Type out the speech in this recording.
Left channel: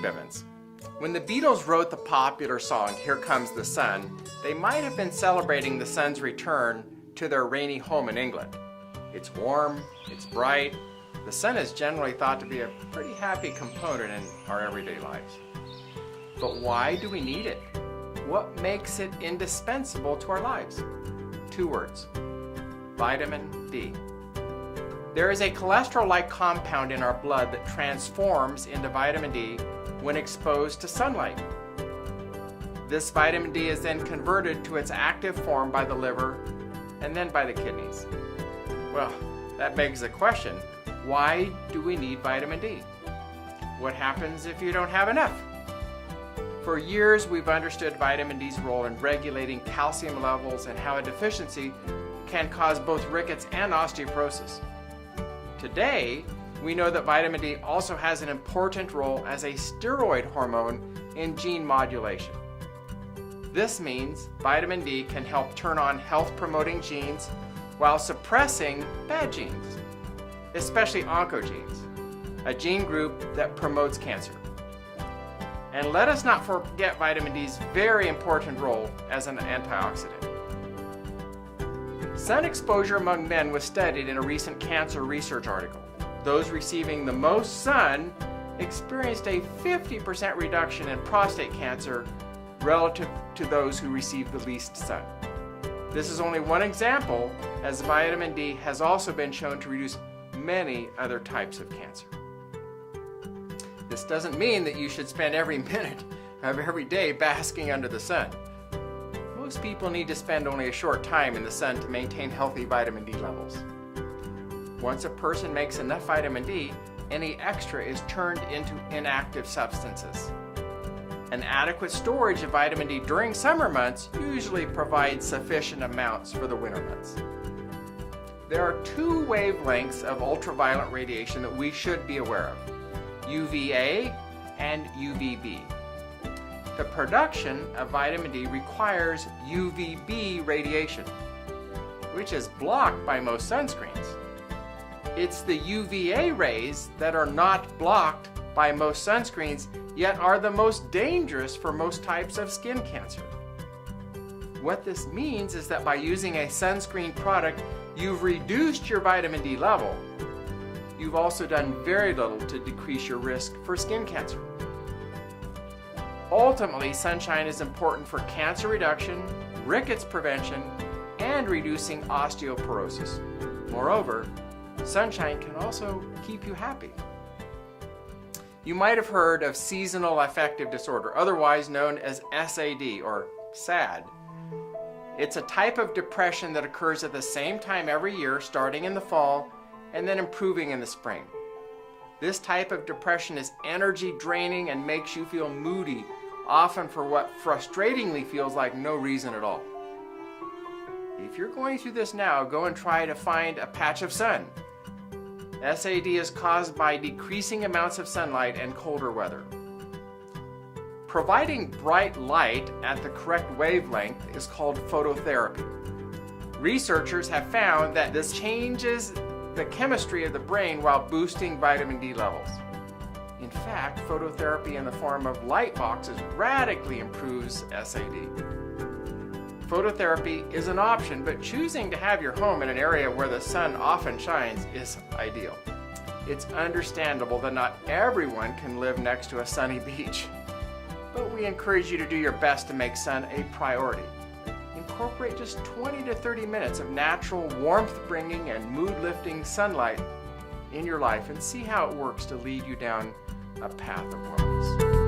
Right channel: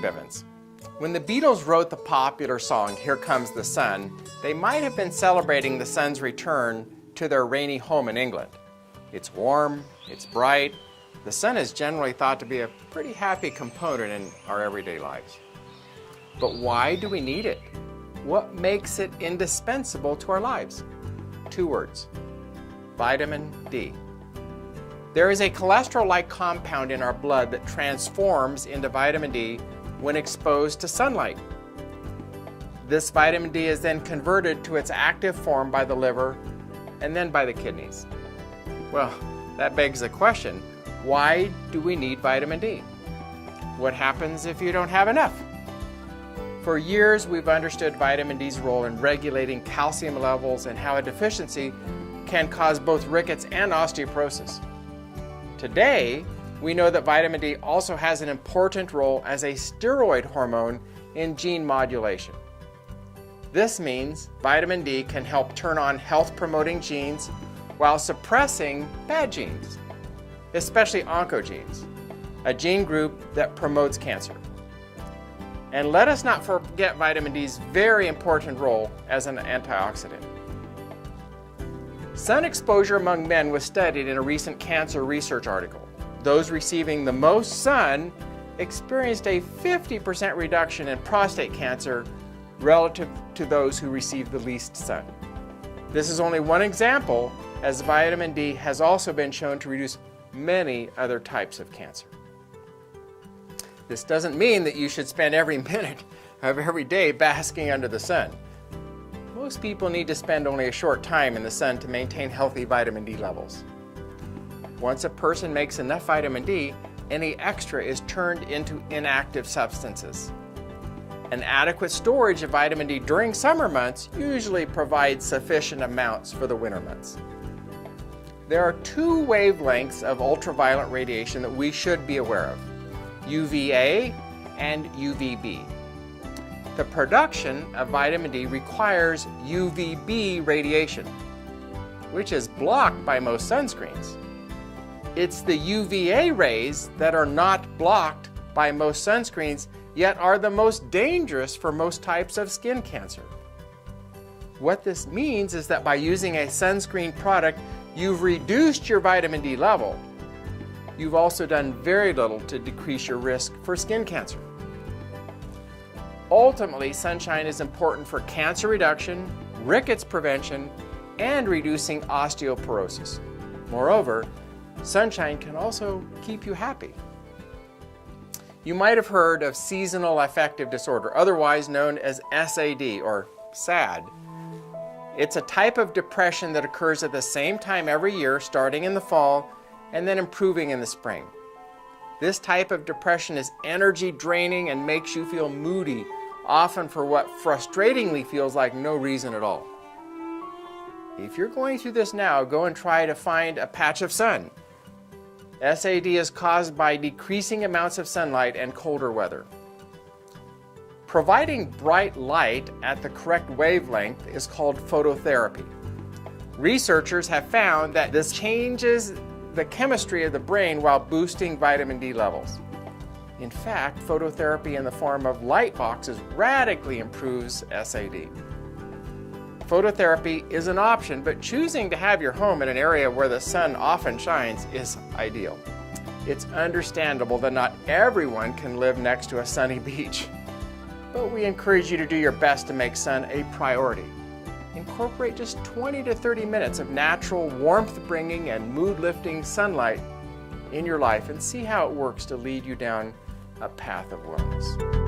Steve Evans. When the Beatles wrote the popular song, Here Comes the Sun, they might have been celebrating the sun's return to their rainy home in England. It's warm, it's bright. The sun is generally thought to be a pretty happy component in our everyday lives. But why do we need it? What makes it indispensable to our lives? 2 words: vitamin D. There is a cholesterol-like compound in our blood that transforms into vitamin D when exposed to sunlight. This vitamin D is then converted to its active form by the liver and then by the kidneys. Well, that begs the question, why do we need vitamin D? What happens if you don't have enough? For years, we've understood vitamin D's role in regulating calcium levels and how a deficiency can cause both rickets and osteoporosis. Today, we know that vitamin D also has an important role as a steroid hormone in gene modulation. This means vitamin D can help turn on health-promoting genes while suppressing bad genes, especially oncogenes, a gene group that promotes cancer. And let us not forget vitamin D's very important role as an antioxidant. Sun exposure among men was studied in a recent cancer research article. Those receiving the most sun experienced a 50% reduction in prostate cancer relative to those who received the least sun. This is only one example, as vitamin D has also been shown to reduce many other types of cancer. This doesn't mean that you should spend every minute of every day basking under the sun. Most people need to spend only a short time in the sun to maintain healthy vitamin D levels. Once a person makes enough vitamin D, any extra is turned into inactive substances. An adequate storage of vitamin D during summer months usually provides sufficient amounts for the winter months. There are 2 wavelengths of ultraviolet radiation that we should be aware of: UVA and UVB. The production of vitamin D requires UVB radiation, which is blocked by most sunscreens. It's the UVA rays that are not blocked by most sunscreens, yet are the most dangerous for most types of skin cancer. What this means is that by using a sunscreen product, you've reduced your vitamin D level. You've also done very little to decrease your risk for skin cancer. Ultimately, sunshine is important for cancer reduction, rickets prevention, and reducing osteoporosis. Moreover, sunshine can also keep you happy. You might have heard of seasonal affective disorder, otherwise known as SAD or SAD. It's a type of depression that occurs at the same time every year, starting in the fall and then improving in the spring. This type of depression is energy draining and makes you feel moody, often for what frustratingly feels like no reason at all. If you're going through this now, go and try to find a patch of sun. SAD is caused by decreasing amounts of sunlight and colder weather. Providing bright light at the correct wavelength is called phototherapy. Researchers have found that this changes the chemistry of the brain while boosting vitamin D levels. In fact, phototherapy in the form of light boxes radically improves SAD. Phototherapy is an option, but choosing to have your home in an area where the sun often shines is ideal. It's understandable that not everyone can live next to a sunny beach, but we encourage you to do your best to make sun a priority. Incorporate just 20 to 30 minutes of natural warmth-bringing and mood-lifting sunlight in your life and see how it works to lead you down a path of wellness.